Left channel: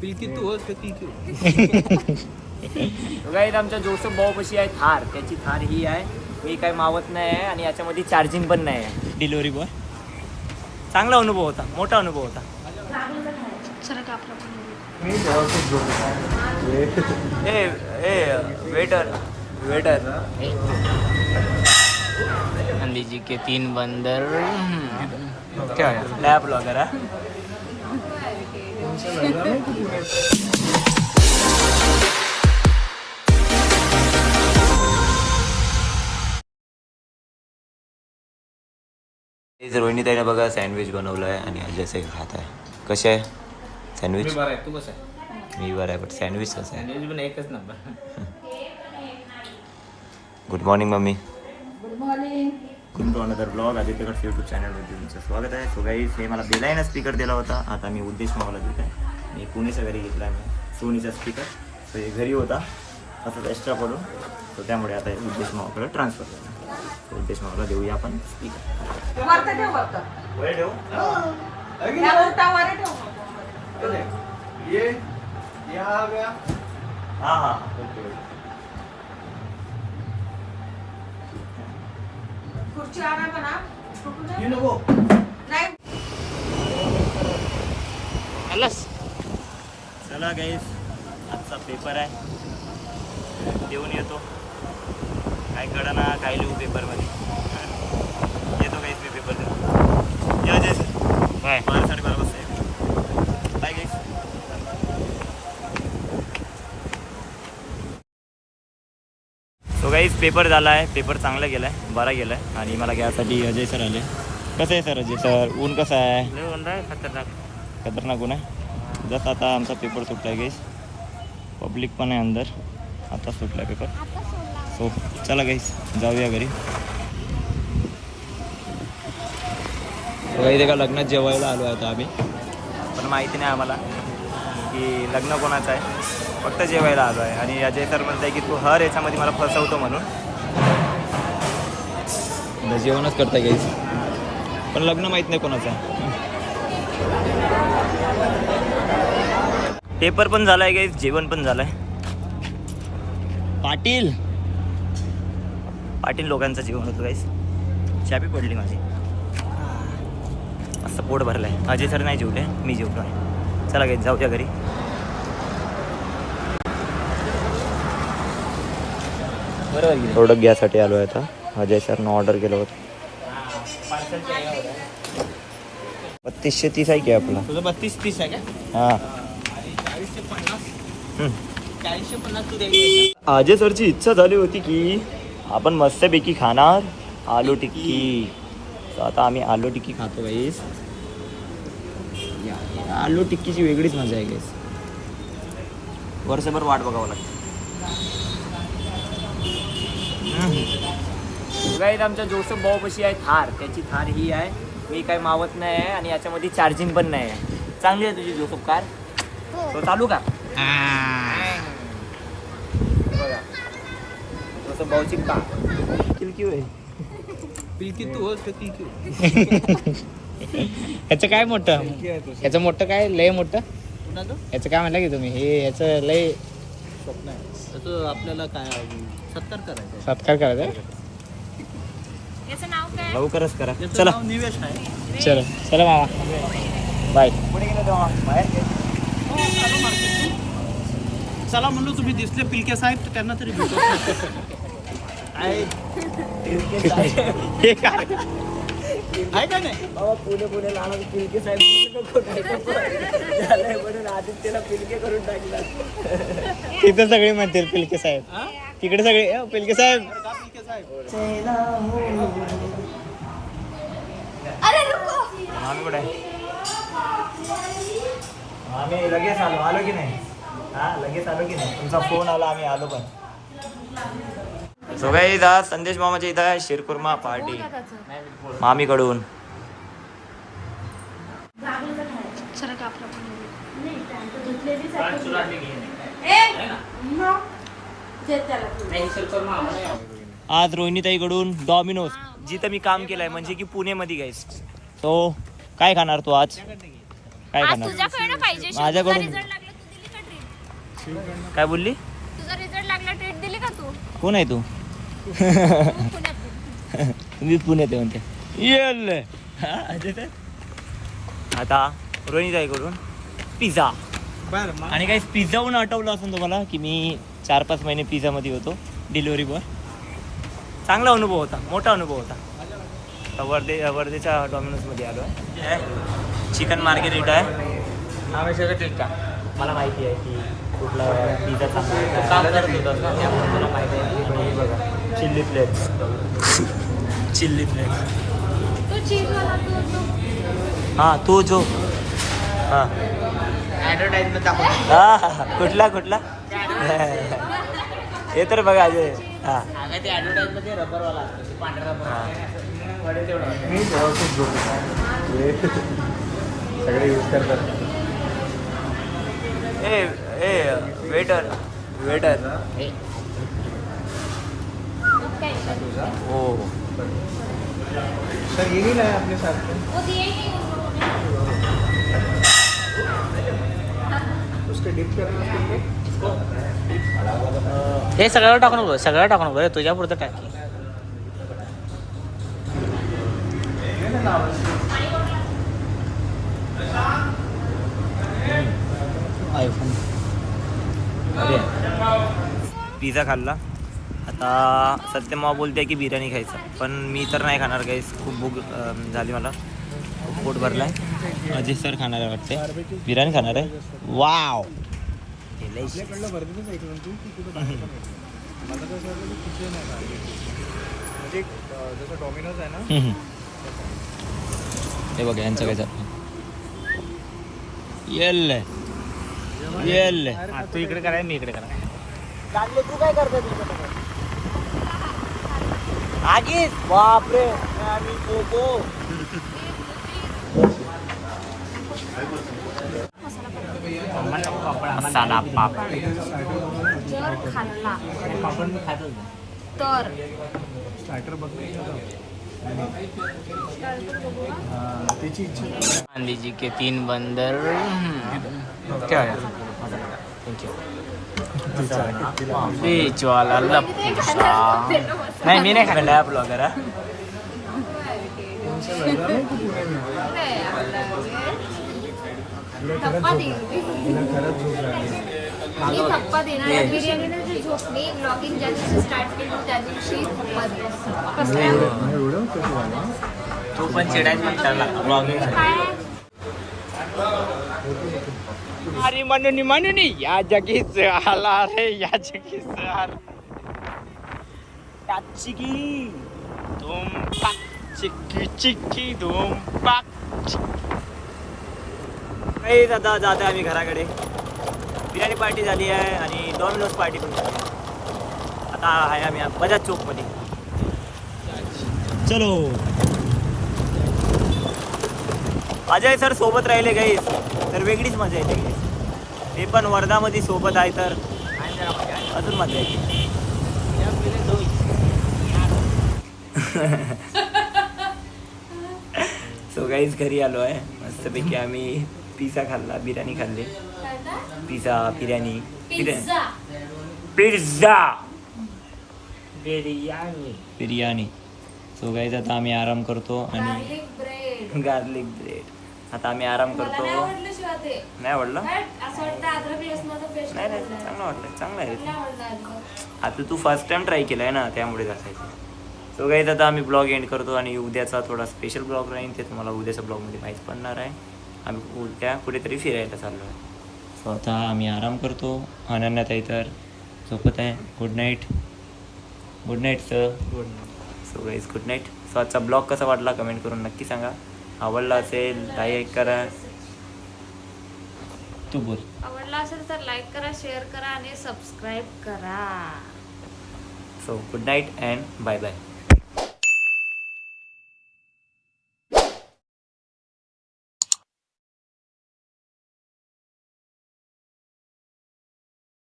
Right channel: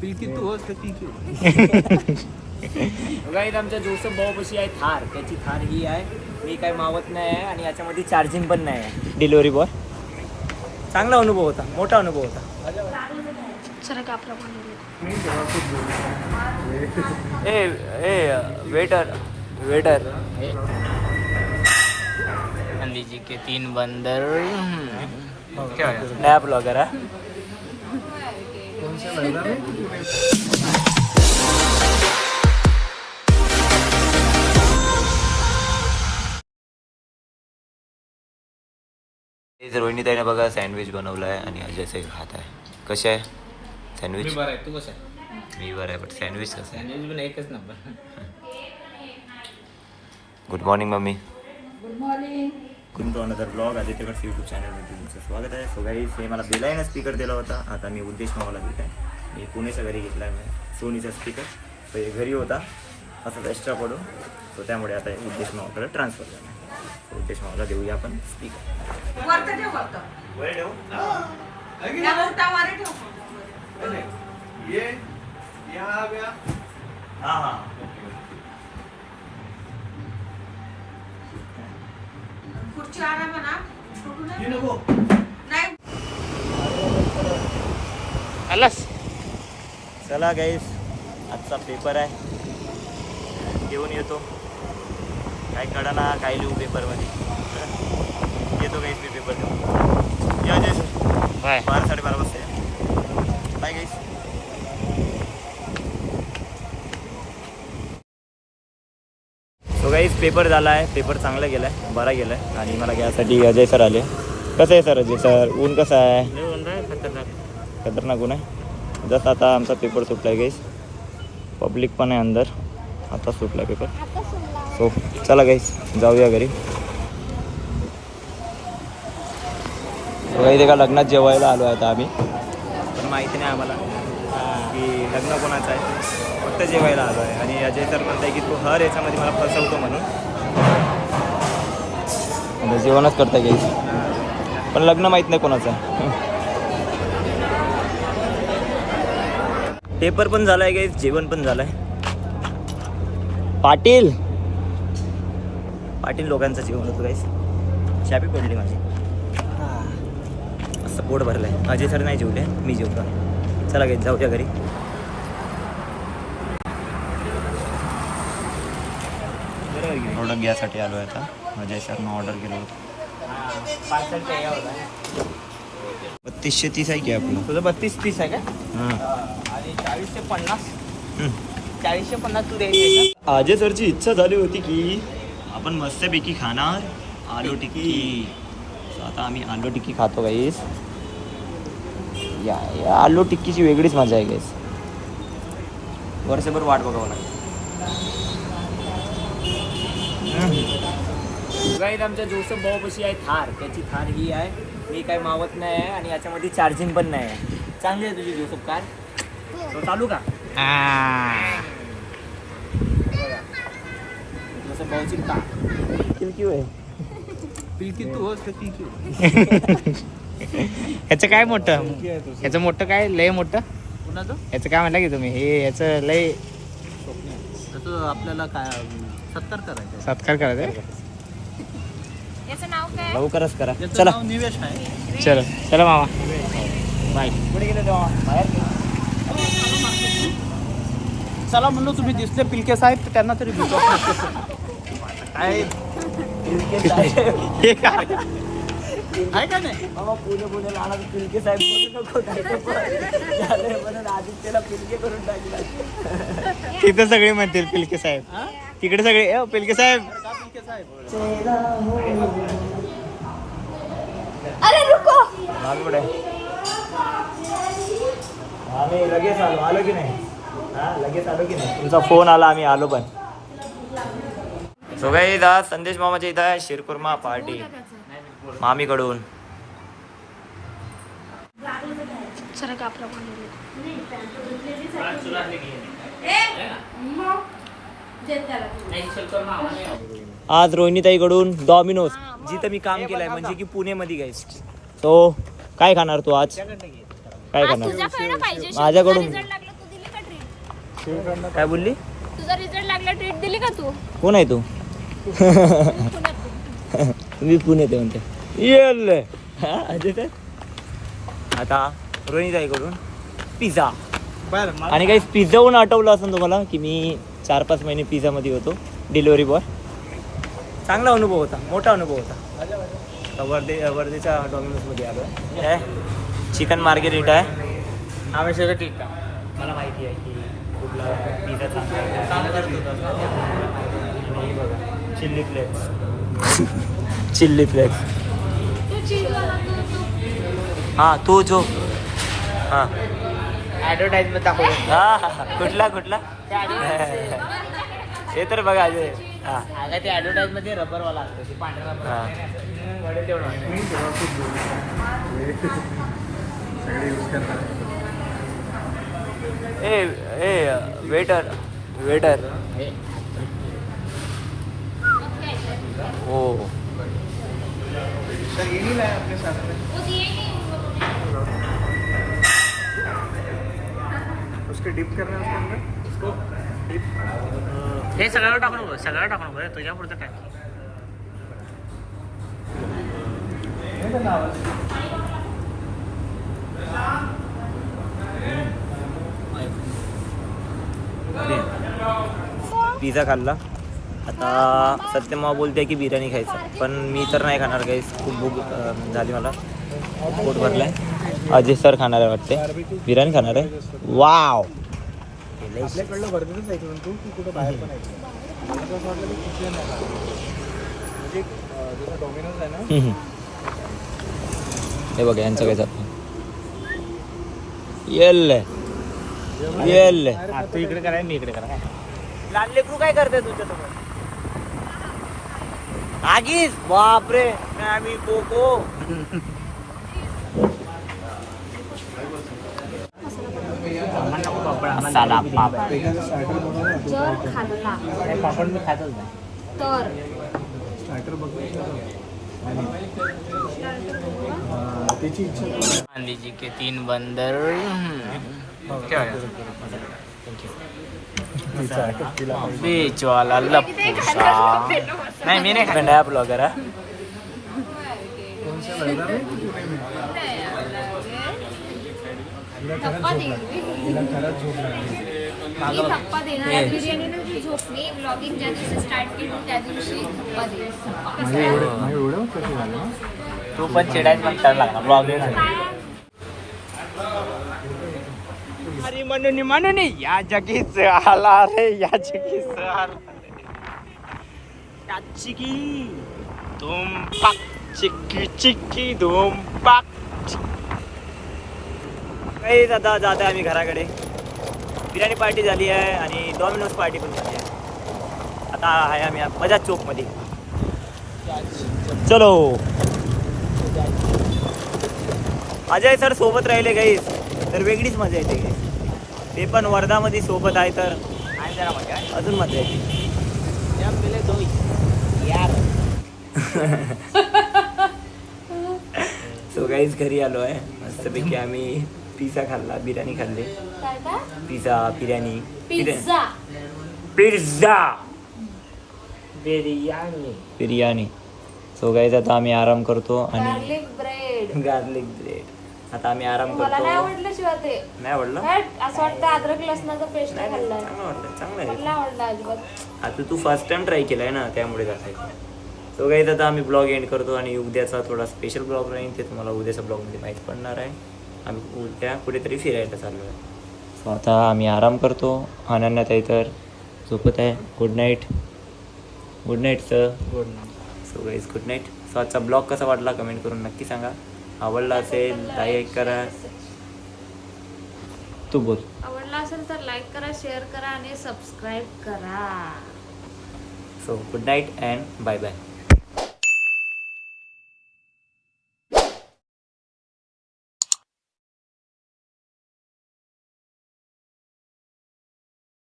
पिलकी तू होस का ती क्यों? गाईज आमच्या जोसेफ भाऊ पशी आहे थार, त्याची थार ही आहे. मी काय मावत नाही आहे आणि याच्यामध्ये चार्जिंग पण नाही आहे. डिलिव्हरी बॉय चांगला अनुभव होता, मोठा अनुभव होता. वेटर वेटर गांधी जी के 3 बंदर. क्या नया ब्लॉगर है. रोहिणीताईने बघा सँडविच बनवलं आहे आणि अजयसे खात आहे. कसे आहे सँडविच? बरं आहे, तू कसं आहे? मी बरं आहे, बट सँडविच कसं आहे? सँडविच पण एकच number. Good morning mummy. Good morning. Good to another blog. Aditya cuts YouTube चॅनलमध्ये तुमचं स्वागत आहे. सो गाईज हे मला बेलाईनं स्पीकर दिला होता, आता मी उद्देश मावला दिला. मी पुणेच्या घरी घेतला मी सोनीचा स्पीकर. तो हे घरी होता असंच एक्स्ट्रा पडून, तो त्यामुळे आता हे उद्देश मावाकडे ट्रान्सफर झाला. उद्देश मावाला देऊया आपण स्पीकर. वर ठेवू? हां हां. खुर्ची आणा म्हणा. आलास. चला गाईस, आजचा पेपर आहे, देऊन येतो. काय कळा ना काय लिहू पेपरमध्ये. येतो गाईस मी पेपर देऊन. या जय सर. बाय. 12:30 वाजता. बाय गाईस. सो गाईस पेपर झाला आहे, पेपर चांगला गेला आहे, बरा गेला आहे. आणि मला घ्यायसाठी अजय सर आले. कसं आहे सर अजय सर? ऊन कसं आहे? खतरनाक. खतरनाक ऊन आहे. जसं आता आमचा पेपर सुटला आहे गाईस, पब्लिक पण आहे अंदर. आता सुटला आहे पेपर. सो चला गाईस जाऊया घरी. काही एका लग्नात जेवायला आलो आहे आता आम्ही, पण माहिती नाही आम्हाला की लग्न कोणाचं आहे, फक्त जेवायला आलो आहे. आणि अजय सर म्हणत आहे की तू हर याच्यामध्ये मला फसवतो म्हणून. जेवणच करताय गाईस, पण लग्न माहीत नाही कोणाचं आहे. पेपर पण झाला आहे गाईस, जेवण पण झालं आहे. पाटील पाटील लोकांचं जेवण होतं गाईस. चापी पडली माझी, असं पोट भरलं आहे. अजय सर नाही जेवले, मी जेवलो आहे. चला गाईस जाऊया घरी. प्रोडक्ट घ्यायसाठी आलो आहे आता. अजय सरनं ऑर्डर केलं होतं. 3230 आहे की आपलं? तुझं 32-30 आहे का? हां. 40-50. 40-50 तू द्यायचं. अजय सरची इच्छा झाली होती की आपण मस्तपैकी खाणार आलू टिक्की. So, आता आम्ही आलू टिक्की खातो गाईस. या आलू टिक्कीची वेगळीच मजा आहे गाईस. वर्षभर वाट बघावं लागतं. गाईस आमच्या जोसेफ भाऊ पशी आहे थार, त्याची थार ही आहे. मी काय मावत नाही आहे आणि याच्यामध्ये चार्जिंग पण नाही आहे. चांगली आहे तुझी जोसेफ कार. तो चालू का? बघा जोसेफ भाऊची कार. किलकी आहे. पिलकी तू होस का ती क्यों? ह्याचं काय मोठं? ह्याचं मोठं काय लय मोठं? कुणाचं? ह्याचं काय म्हणलं की तुम्ही? हे ह्याचं लय स्वप्न आहे. तसं आपल्याला काय सत्कार करायचं. सत्कार करायचा आहे? याचं नाव काय? लवकरच करा. याचं चला नाव निवेश आहे. चला चला मामा बाय. पुढे गेले तेव्हा बाहेर. चला म्हणलो तुम्ही दिसले पिलके साहेब, तर त्यांना तरी भेटू. आहे हे काय आहे का नाही? पुणे लहान पिलके साहेब म्हणून आदित्यला पिलके करून टाकलं. तिथं सगळे म्हणतील पिलके साहेब, हा? तिकडे सगळे पिलके साहेब. का पिलके साहेब? आम्ही कुठे? आम्ही लगेच आलो की नाही? हा लगेच आलो की नाही? तुमचा फोन आला, आम्ही आलो पण. सो गाईज आज संदेश मामाच्या इथं आहे शिरकुर्मा पार्टी मामीकडून. आज रोहिणीताईकडून डॉमिनोज, जिथं मी काम केलंय म्हणजे की पुणेमध्ये गाईस. तो काय खाणार तू आज? काय खाणार? माझ्याकडून काय बोलली? तुझा रिझल्ट लागला ट्रीट दिली का तू कोण आहे तू? पुण्यात मी पुण्यात आहे म्हणते. येल आता रोहिणी ताईकडून पिझ्झा. बरं आणि काही पिझ्झाहून आठवलं असं तुम्हाला की मी 4-5 महिने पिझ्झामध्ये होतो डिलिव्हरी बॉय. चांगला अनुभव होता, मोठा अनुभव होता. वर्धेच्या डॉमिनोजमध्ये आलो आहे. चिकन मार्गेरिटा आहे. मला माहिती आहे की कुठला पिझ्झा चांगला आहे. बघा चिल्ली फ्लेक्स. Chilli flakes. तो चीजवाला तो हां तो जो हां ॲडव्हर्टाईजमेंट दाखवतो. हां कुठला हे तर बघा अजय. हां ते ॲडव्हर्टाईजमध्ये रबरवाला असतो पांढरा रबर. हां ए वेटर ओ वो दिए कि उन लोगों ने हे सगळ्यावर टाकून बघ, सगळ्यावर टाकून बघ, तुझ्या पुरतं टाक. पिझ्झा खाल्ला. आता सत्यमा बोलते की बिर्याणी खायचं, पण मी तर नाही खाणार गाईस. खूप भूक झाली मला, खूप पोट भरलं आहे. अजय सर खाणार आहे वाटते, बिर्याणी खाणार आहे. वाव आपल्याकडलं वर्धेतच ऐकलं तू की कुठं बाहेर पण ऐकलं? मला तर असं वाटलं की कुठलं नाही म्हणजे जसं डॉमिनोज आहे ना. हे बघा यांचं काय चाललं. येल तू इकडे करा, मी इकडे करा. काय करते तू? आगीस बापरे. मसाला पापड. जर खाल्ला आपण खायचं तर स्टार्टर त्याची इच्छा. मान लीजिए के 3 बंदर. क्या बीच वाला लप्पूसा. नाही मी नाही खाणार ब्लॉगर. धप्पा देईल मी धप्पा देणार आहे. बिर्याणीने जी झोपली ब्लॉगिंग ज्या दिवशी स्टार्ट केली त्या दिवशी धप्पा देईल. तू पण चिडायच म्हणता ब्लॉगिंग. अरे म्हणून या जगीच आला रे, या जगीच चिकी धूम पाक चिकी चिकी धूम पाक. काही आता जात आहे आम्ही घराकडे. बिर्याणी पार्टी झाली आहे आणि डॉमिनोज पार्टी पण झाली आहे. आता आहे आम्ही बजाज चौकमध्ये. चलो. अजय सर सोबत राहिले गाईस तर वेगळीच मजा येते गाईस. ते पण वर्धामध्ये सोबत आहे तर अजून मजा येते. सो गाईस घरी आलो आहे. मस्तपैकी आम्ही पिझ्झा खाल्ला, बिर्याणी खाल्ली. Pizza biryani pizza biryani. So guys आता आम्ही आराम करतो आणि गार्लिक ब्रेड गार्लिक ब्रेड. आता आम्ही आराम करतो. मला नाही आवडलं शिवाय ते. नाही आवडलं? असं वाटतं अद्रक लसणाचा पेस्ट नाही नाही चांगलं वाटलं, चांगलं आहे. नाही आवडलं अजिबात. आता तू फर्स्ट टाइम ट्राय केलं आहे ना, त्यामुळे असायचं. सो गाईस आता आम्ही ब्लॉग एंड करतो आणि उद्याचा थोडा स्पेशल ब्लॉग राहील, ते तुम्हाला उद्याच्या ब्लॉगमध्ये माहीत पडणार आहे. आम्ही उद्या कुठेतरी फिरायला चाललो आहे. सो आता आम्ही आराम करतो. अनन्याताई तर झोपत आहे. Good night. Good night sir. Good. So guys good night. So आजचा ब्लॉग कसा वाटला कमेंट करून नक्की सांगा. आवडला असेल लाईक करा. तू बोल. आवडला असेल तर लाईक करा, शेअर करा आणि सबस्क्राईब करा. So good night and bye bye.